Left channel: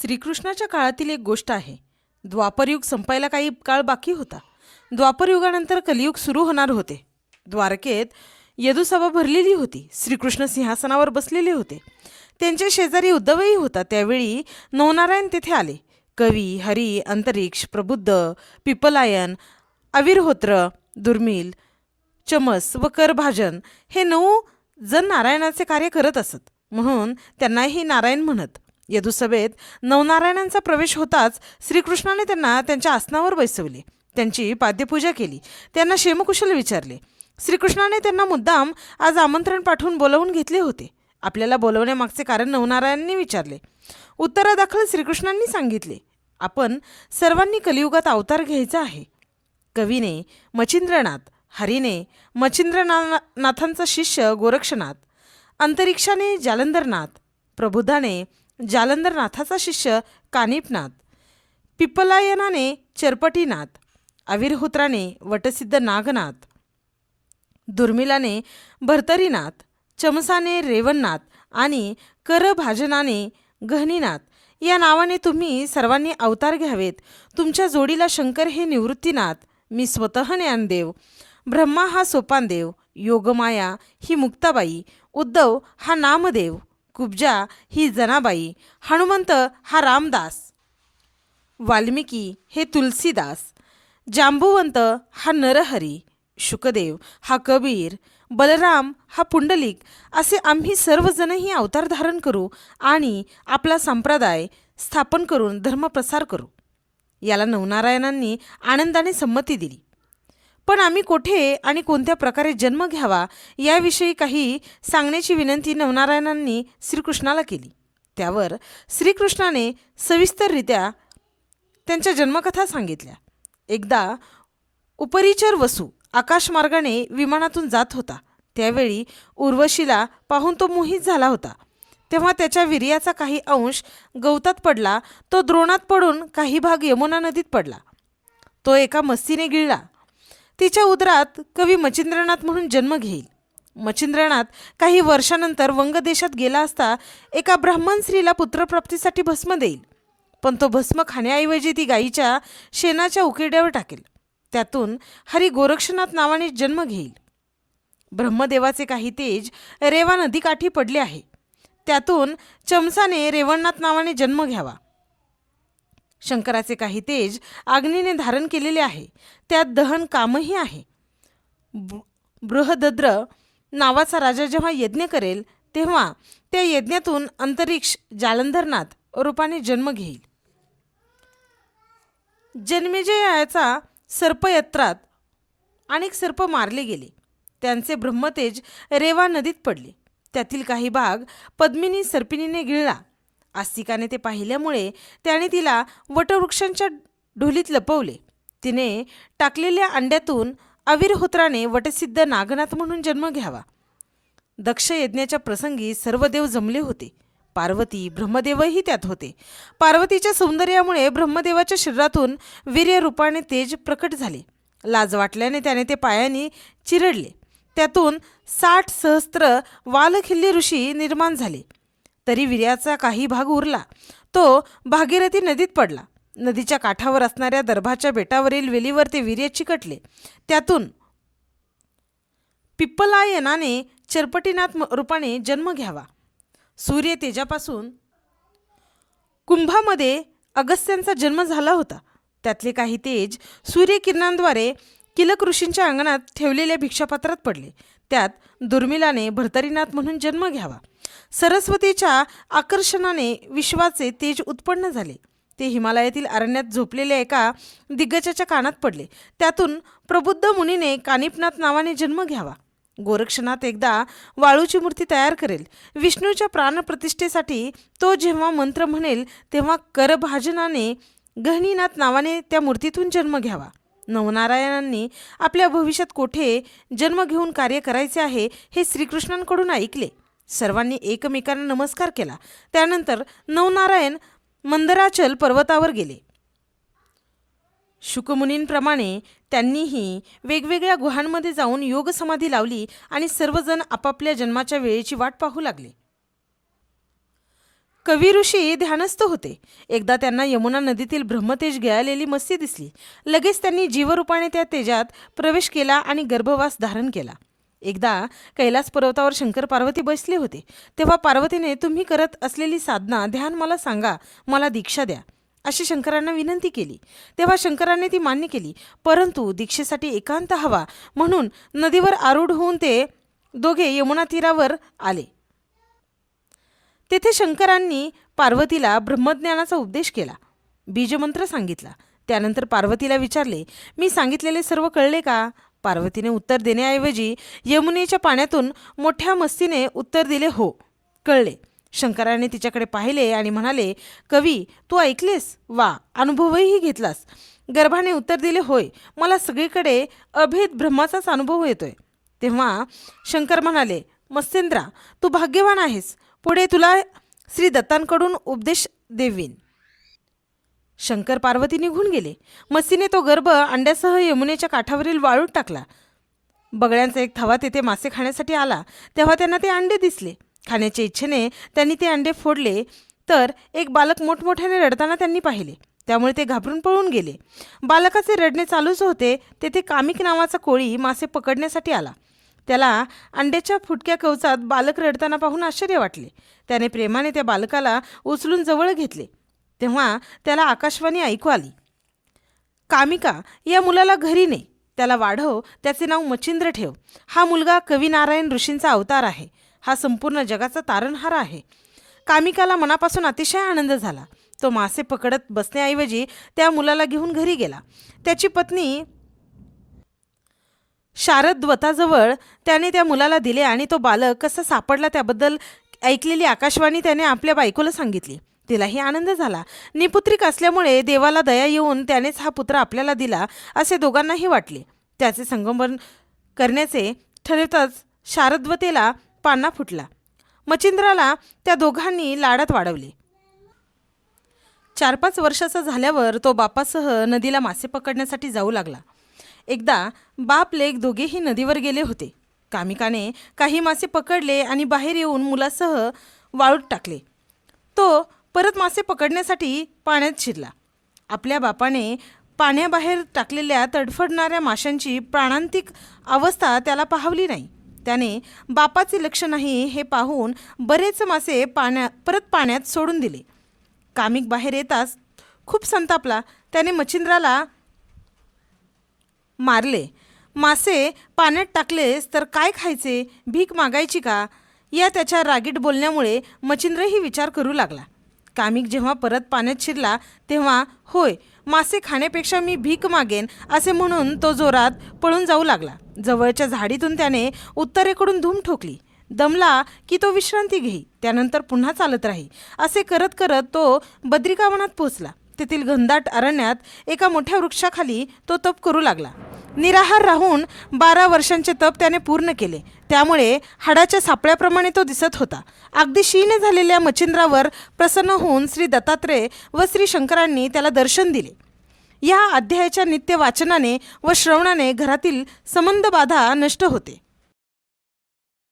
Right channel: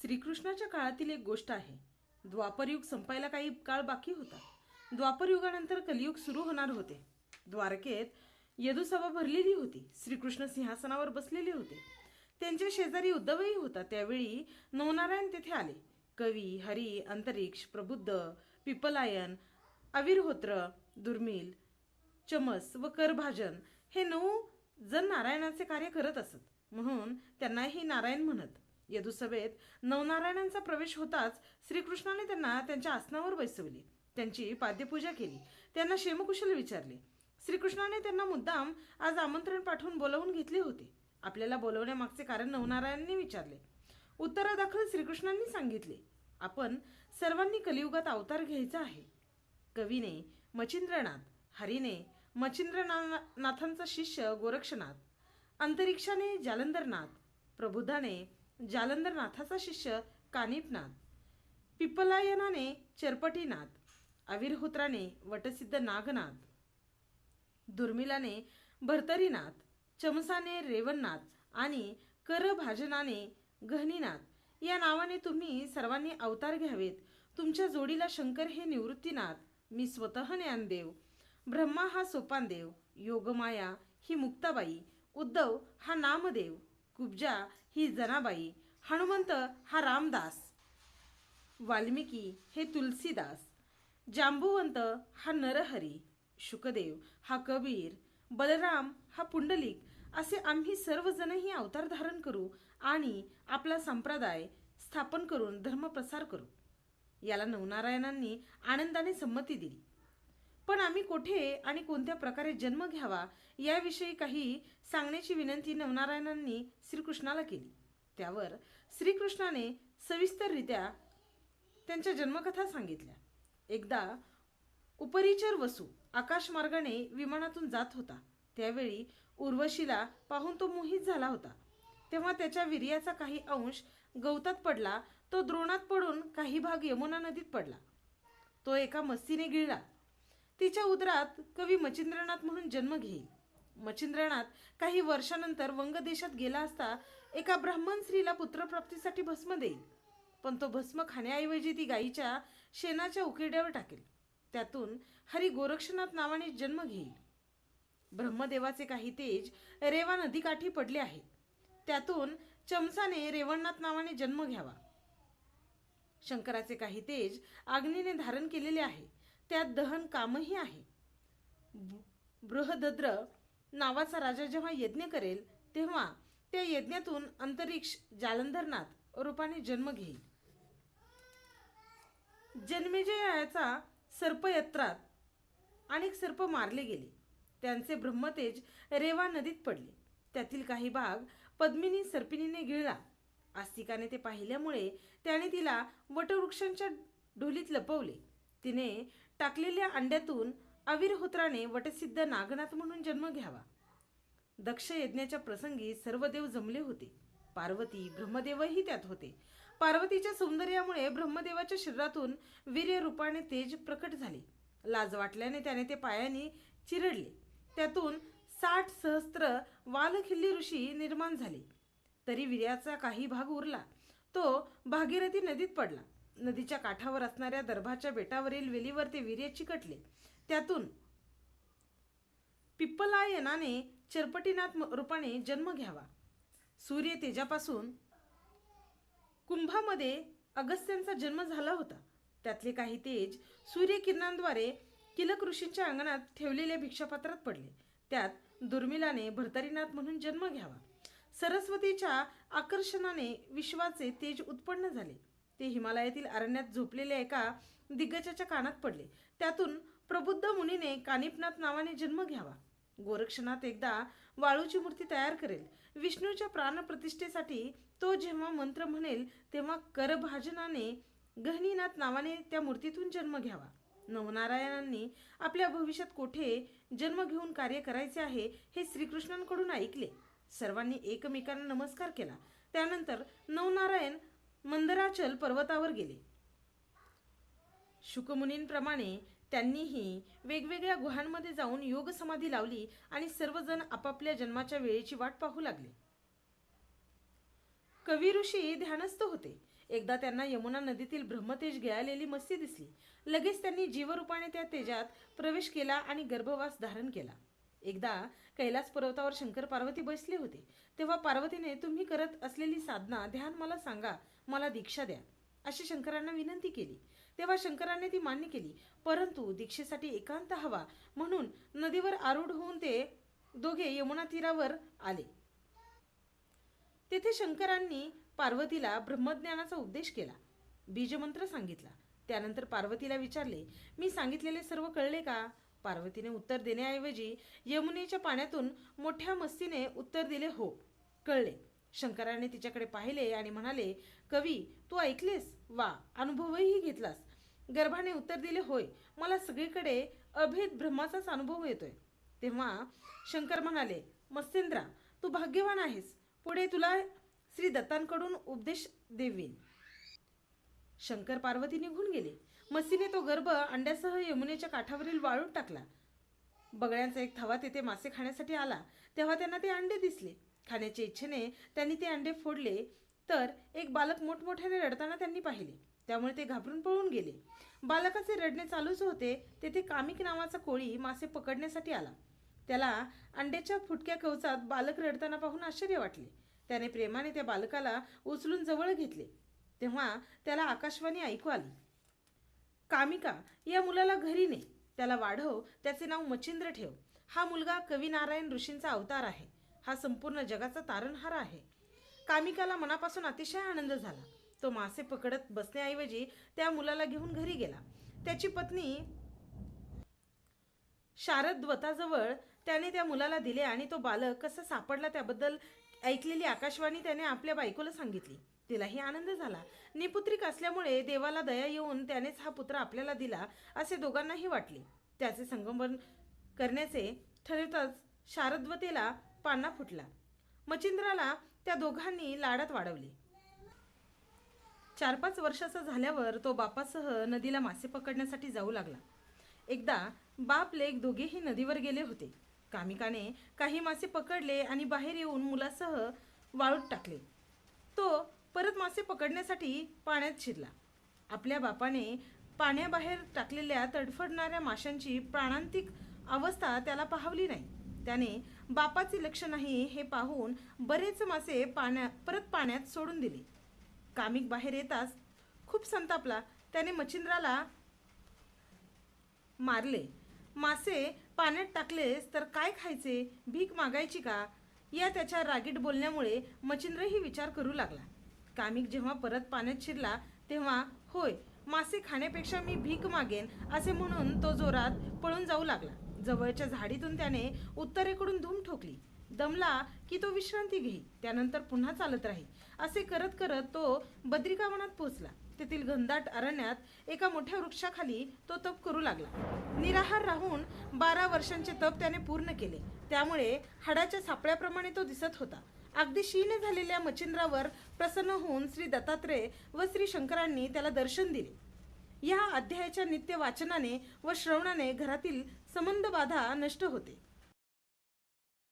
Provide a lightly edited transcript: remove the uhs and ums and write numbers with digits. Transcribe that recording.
श्रीकृष्णाच्या काळातील एक गोष्ट आहे. द्वापरयुग संपायला काही काळ बाकी होता. द्वापरयुगानंतर कलियुग सुरू होणार होते. द्वारकेत यदुसभा भरलेली होती. श्रीकृष्ण सिंहासनावर बसलेले होते. त्यांच्या शेजारी उद्धवही होता. त्यावेळी नवनारायण तेथे आले. कवी, हरी, अंतरिक्ष, प्रबुद्ध, पिपलायन, अविरहोत्र, दुर्मिल, चमस व करभाजन हे 9 जण नारायणाचे कार्य करत असत. म्हणून त्यांनाही नारायण म्हणत. यदुसभेत नवनारायणांचा प्रवेश होताच श्रीकृष्णाने त्यांना त्यांच्या आसनावर बसवले. त्यांची पाद्यपूजा केली. त्यांना क्षेमकुशल विचारले. श्रीकृष्णाने त्यांना मुद्दाम आज आमंत्रण पाठवून बोलावून घेतले होते. आपल्याला बोलवण्यामागचे कारण नवनारायणांनी विचारले. उत्तरादाखल श्रीकृष्णांनी सांगितले, आपण सर्वांनी कलियुगात अवतार घ्यायचा आहे. कवीने मच्छिंद्रनाथ, हरीने मच्छिंद्रनाथांचा शिष्य गोरक्षनाथ, अंतरिक्षाने जालंधरनाथ, प्रबुद्धाने जालंधरनाथाचा शिष्य कानिपनाथ, पिपलायनाने चरपटीनाथ, अविरहोत्राने वटसिद्ध नागनाथ, दुर्मिलाने भर्तरीनाथ, चमसाने रेवणनाथ आणि करभाजनाने गहनीनाथ या नावाने तुम्ही सर्वांनी अवतार घ्यावेत. तुमच्या जोडीला शंकर हे निवृत्तीनाथ, मी स्वतः ज्ञानदेव, ब्रह्मा हा सोपानदेव, योगमाया ही मुक्ताबाई, उद्धव हा नामदेव, कुब्जा ही जनाबाई, हनुमंत हा रामदास, वाल्मिकी हे तुलसीदास, जांबुवंत हा नरहरी, शुकदेव हा कबीर, बलराम हा पुंडलिक असे आम्ही सर्वजणही अवतार धारण करू आणि आपला संप्रदाय स्थापन करून धर्मप्रसार करू. याला नवनारायणांनी आनंदाने संमती दिली. पण आम्ही कोठे आणि कोणत्या प्रकारे जन्म घ्यावा याविषयी काही सांगण्याची विनंती नवनारायणांनी श्रीकृष्णाला केली. त्यावर श्रीकृष्णाने सविस्तररित्या त्यांच्या जन्मकथा सांगितल्या. एकदा उपरिचर वसू आकाशमार्गाने विमानातून जात होता. त्यावेळी उर्वशीला पाहून तो मोहित झाला होता. तेव्हा त्याच्या वीर्याचा काही अंश गवतात पडला. तो द्रोणात पडून काही भाग यमुना नदीत पडला. तो एका मस्तीने गिळला. तिच्या उदरात कवी मच्छिंद्रनाथ म्हणून जन्म घेईल. मच्छिंद्रनाथ काही वर्षानंतर वंग देशात गेला असता एका ब्राह्मण स्त्रीला पुत्रप्राप्तीसाठी भस्म देईल. पण तो भस्म खाण्याऐवजी ती गायीच्या शेणाच्या उकिरड्यावर टाकेल. त्यातून हरी गोरक्षनाथ नावाने जन्म घेईल. ब्रह्मदेवाचे काही तेज रेवा नदीकाठी पडले आहे. त्यातून चमसाने रेवणनाथ नावाने जन्म घ्यावा. शंकराचे काही तेज अग्नीने धारण केलेले आहे. त्यात दहन कामही आहे. बृहदद्र नावाचा राजा जेव्हा यज्ञ करेल तेव्हा त्या यज्ञातून अंतरिक्ष जालंधरनाथ रूपाने जन्म घेईल. जन्मेजयाचा सर्पयत्रात अनेक सर्प मारले गेले. त्यांचे ब्रह्मतेज रेवा नदीत पडले. त्यातील काही भाग पद्मिनी सर्पिणीने गिळला. आस्तिकाने ते पाहिल्यामुळे त्याने तिला वटवृक्षांच्या ढोलीत लपवले. तिने टाकलेल्या अंड्यातून अविरहोत्राने वटसिद्ध नागनाथ म्हणून जन्म घ्यावा. दक्ष यज्ञाच्या प्रसंगी सर्व देव जमले होते. पार्वती, ब्रह्मदेवही त्यात होते. पार्वतीच्या सौंदर्यामुळे ब्रह्मदेवाच्या शरीरातून वीर्यरूपाने तेज प्रकट झाले. लाज वाटल्याने त्याने ते पायाने चिरडले. त्यातून 60 सहस्त्र वालखिल्य ऋषी निर्माण झाले. तरी वीर्याचा काही भाग उरला. तो भागीरथी नदीत पडला. नदीच्या काठावर असणाऱ्या दर्भाच्या बेटावरील वेलीवर ते वीर्य चिकटले. त्यातून पिप्पलायनाने चरपटीनाथ रूपाने जन्म घ्यावा. सूर्य तेजापासून कुंभामध्ये अगस्त्यांचा जन्म झाला होता. त्यातले काही तेज सूर्यकिरणांद्वारे किलक ऋषींच्या अंगणात ठेवलेल्या भिक्षापात्रात पडले. त्यात दुर्मिलाने भर्तरीनाथ म्हणून जन्म घ्यावा. सरस्वतीच्या आकर्षणाने विश्वाचे तेज उत्पन्न झाले. ते हिमालयातील अरण्यात झोपलेल्या एका दिग्गजाच्या कानात पडले. त्यातून प्रबुद्ध मुनीने कानिपनाथ नावाने जन्म घ्यावा. गोरक्षनाथ एकदा वाळूची मूर्ती तयार करेल. विष्णूच्या प्राणप्रतिष्ठेसाठी तो जेव्हा मंत्र म्हणेल तेव्हा करभाजनाने गहनीनाथ नावाने त्या मूर्तीतून जन्म घ्यावा. नवनारायणांनी आपल्या भविष्यात कोठे जन्म घेऊन कार्य करायचे आहे हे श्रीकृष्णांकडून ऐकले. सर्वांनी एकमेकांना नमस्कार केला. त्यानंतर नवनारायण मंदराचल पर्वतावर गेले. शुकमुनींप्रमाणे त्यांनीही वेगवेगळ्या गुहांमध्ये जाऊन योग समाधी लावली आणि सर्वजण आपापल्या जन्माच्या वेळेची वाट पाहू लागले. कवी ऋषी ध्यानस्थ होते. एकदा त्यांना यमुना नदीतील ब्रह्मतेज गळालेली मत्स्य दिसली. लगेच त्यांनी जीवरूपाने त्या तेजात प्रवेश केला आणि गर्भवास धारण केला. एकदा कैलास पर्वतावर शंकर पार्वती बसले होते. तेव्हा पार्वतीने तुम्ही करत असलेली साधना ध्यान मला सांगा, मला दीक्षा द्या अशी शंकरांना विनंती केली. तेव्हा शंकरांनी ती मान्य केली, परंतु दीक्षेसाठी एकांत हवा म्हणून नदीवर आरूढ होऊन ते दोघे यमुना तीरावर आले. तेथे शंकरांनी पार्वतीला ब्रह्मज्ञानाचा उपदेश केला, बीजमंत्र सांगितला. त्यानंतर पार्वतीला विचारले, मी सांगितलेले सर्व कळले का? पार्वतीने उत्तर देण्याऐवजी यमुनेच्या पाण्यातून मोठ्या मस्तीने उत्तर दिले, हो, कळले. शंकराने तिच्याकडे पाहिले आणि म्हणाले, कवी, तू ऐकलेस? वा, अनुभवही घेतलास? गर्भाने उत्तर दिले, होय, मला सगळीकडे अभेद ब्रह्माचाच अनुभव येतोय. तेव्हा शंकर म्हणाले, मत्स्येंद्रा, तू भाग्यवान आहेस. पुढे तुला श्री दत्तांकडून उपदेश देवीन. शंकर पार्वती निघून गेले. मत्स्येने तो गर्भ अंड्यासह यमुनेच्या काठावरील वाळूत टाकला. बगळ्यांचा एक थवा तेथे मासे खाण्यासाठी आला. तेव्हा त्यांना ते अंडे दिसले. खाण्याच्या इच्छेने त्यांनी ते अंडे फोडले तर एक बालक मोठमोठ्याने रडताना त्यांनी पाहिले. त्यामुळे ते घाबरून पळून गेले. बालकाचे रडणे चालूच होते तेथे कामिक नावाचा कोळी मासे पकडण्यासाठी आला. त्याला अंड्याच्या फुटक्या कवचात बालक रडताना पाहून आश्चर्य वाटले. त्याने प्रेमाने त्या बालकाला उचलून जवळ घेतले. तेव्हा त्याला आकाशवाणी ऐकू आली, कामिका, या मुलाला घरी ने, त्याला वाढव, त्याचे नाव मच्छिंद्र ठेव. हा मुलगा कवी नारायण ऋषींचा अवतार आहे. हा संपूर्ण जगाचा तारणहार आहे. कामिकाला मनापासून अतिशय आनंद झाला. तो मासे पकडत बसण्याऐवजी त्या मुलाला घेऊन घरी गेला. त्याची पत्नी शारद्वताजवळ त्याने त्या मुलाला दिले आणि तो बालक कसा सापडला त्याबद्दल ऐकलेली आकाशवाणी त्याने आपल्या बायकोला सांगितली. तिलाही आनंद झाला. निपुत्रिक असल्यामुळे देवाला दया येऊन त्यानेच हा पुत्र आपल्याला दिला असे दोघांनाही वाटले. त्याचे संगोपन करण्याचे ठरवताच शारद्वतेला पान्हा फुटला. मच्छिंद्राला त्या दोघांनी लाडात वाढवले. 4-5 वर्षाचा झाल्यावर तो बापासह नदीला मासे पकडण्यासाठी जाऊ लागला. एकदा बाप लेक दोघेही नदीवर गेले होते. कामिकाने काही मासे पकडले आणि बाहेर येऊन मुलासह वाळूत टाकले. तो परत मासे पकडण्यासाठी पाण्यात शिरला. आपल्या बापाने पाण्याबाहेर टाकलेल्या तडफडणाऱ्या माशांची प्राणांतिक अवस्था त्याला पाहवली नाही. त्याने बापाचे लक्ष नाही हे पाहून बरेच मासे परत पाण्यात सोडून दिले. कामिक बाहेर येताच खूप संतापला. त्याने मच्छिंद्राला मारले. मासे पाण्यात टाकलेस तर काय खायचे? भीक मागायची का? या त्याच्या रागीट बोलण्यामुळे मच्छिंद्रही विचार करू लागला. कामिक जेव्हा परत पाण्यात शिरला तेव्हा, होय, मासे खाण्यापेक्षा मी भीक मागेन असे म्हणून तो जोरात पळून जाऊ लागला. जवळच्या झाडीतून त्याने उत्तरेकडून धूम ठोकली. दमला की तो विश्रांती घेई, त्यानंतर पुन्हा चालत राही. असे करत करत तो बद्रिकावनात पोहोचला. तेथील घनदाट अरण्यात एका मोठ्या वृक्षाखाली तो तप करू लागला. निराहार राहून 12 वर्षांचे तप त्याने पूर्ण केले. त्यामुळे हाडाच्या सापळ्याप्रमाणे तो दिसत होता. अगदी क्षीण झालेल्या मच्छिंद्रावर प्रसन्न होऊन श्री दत्तात्रेय व श्री शंकरांनी त्याला दर्शन दिले. या अध्यायाच्या नित्य वाचनाने व श्रवणाने घरातील संबंध बाधा नष्ट होते.